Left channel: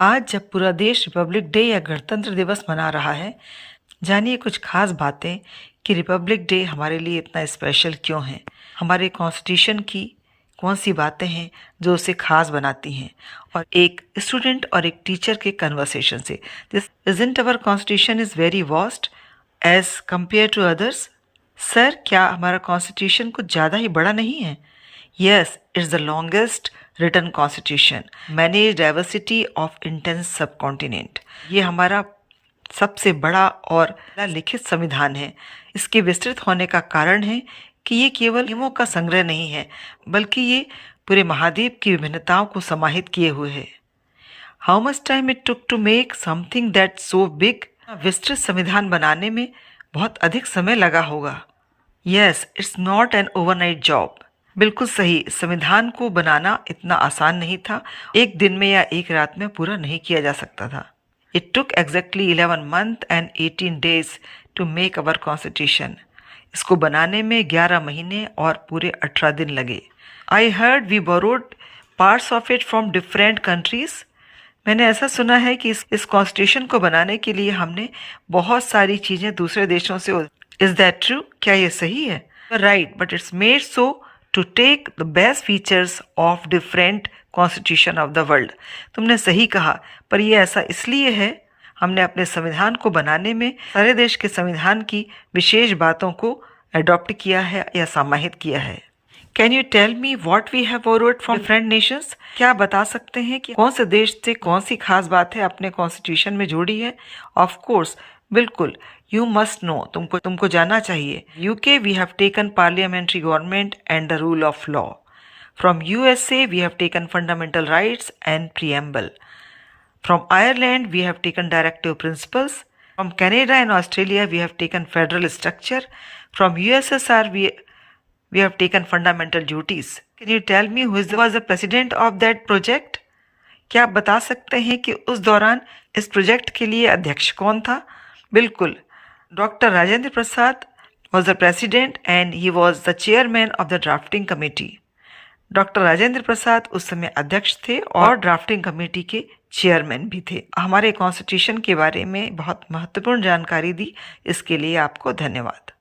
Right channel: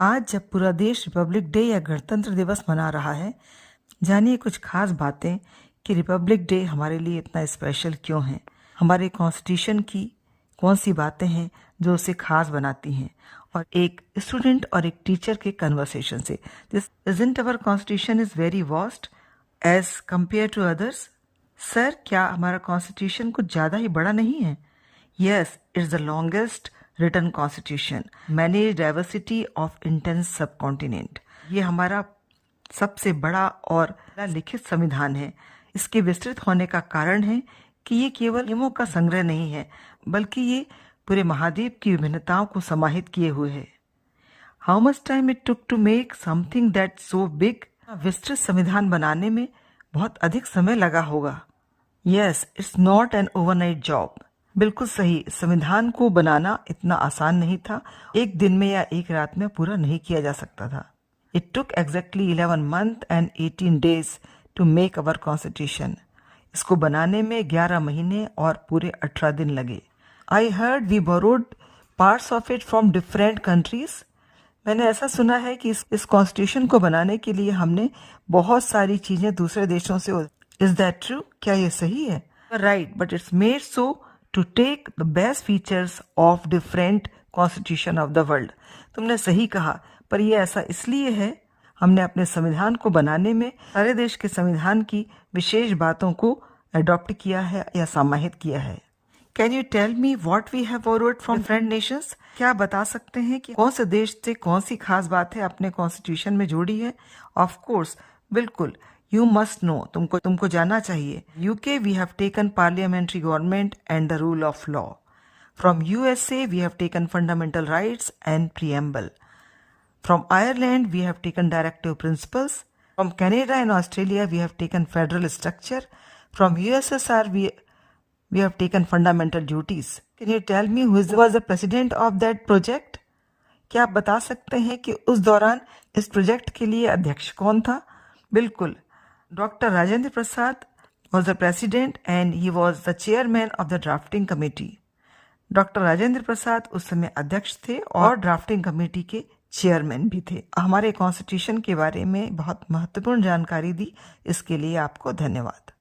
आज जब पूरा देश रिपब्लिक डे या गणतंत्र दिवस मना रहा है, जानिए कुछ खास बातें कि रिपब्लिक डे हमारे लिए इतना स्पेशल क्यों है। हमारे कॉन्स्टिट्यूशन की कौन सी बातें हैं जो उसे खास बनाती हैं, और एक स्टूडेंट और एक टीचर के कन्वर्सेशन से, this isn't our constitution is very vast as compare to others. Sir, क्या हमारा कॉन्स्टिट्यूशन कुछ ज़्यादा ही बड़ा नहीं है? Yes, it's the longest written constitution manage diversity of intense subcontinent. ये हमारा सबसे बड़ा और लिखित संविधान है। इसके विस्तृत होने का कारण है कि ये केवल नियमों का संग्रह नहीं है, बल्कि ये पूरे महाद्वीप की विभिन्नताओं को समाहित किए हुए है। How much time it took to make something that so big? विस्तृत संविधान बनाने में बहुत अधिक समय लगा होगा। Yes, it's not an overnight job. बिल्कुल सही, संविधान को बनाना इतना आसान नहीं था। एक दिन में या एक रात में पूरा नहीं किया जा सकता था। It took exactly 11 month and 18 days to make our constitution. इसको बनाने में 11 महीने और पूरे 18 दिन लगे। I heard we borrowed parts of it from different countries. मैंने ऐसा सुना है कि इस कॉन्स्टिट्यूशन को बनाने के लिए हमने बहुत सारी चीज़ें दूसरे देशों से। Is that true? क्या ये सही है? Right, but it's made so to take the best features of different constitution of the world. तुमने सही कहा, पर यह ऐसा इसलिए है, हमने अपने संविधान को बनाने में सारे देश के संविधान की विशेष बातों को अडॉप्ट किया है या समाहित किया है। Can you tell me what we have borrowed from different nations? क्या आप बता सकते हैं कि कौन से देश से कौन सी खास बात है अपने कॉन्स्टिट्यूशन में जोड़ी है? ऑफ कोर्स, बिल्कुल। यू मस्ट नो, तुमको जानना चाहिए। UK we have taken parliamentary government and the rule of law. From USA we have taken fundamental rights and preamble. From Ireland, we have taken directive principles. From Canada and Australia, we have taken federal structure. From USSR, we have taken fundamental duties. Can you tell me who was the president of that project? क्या आप बता सकते हैं कि उस दौरान इस project के लिए अध्यक्ष कौन था? बिल्कुल, doctor Rajendra Prasad was the president and he was the chairman of the drafting committee. Doctor Rajendra Prasad उस समय अध्यक्ष थे और ड्राफ्टिंग कमेटी के चेयरमैन भी थे। हमारे कॉन्स्टिट्यूशन के बारे में बहुत महत्वपूर्ण जानकारी दी, इसके लिए आपको धन्यवाद।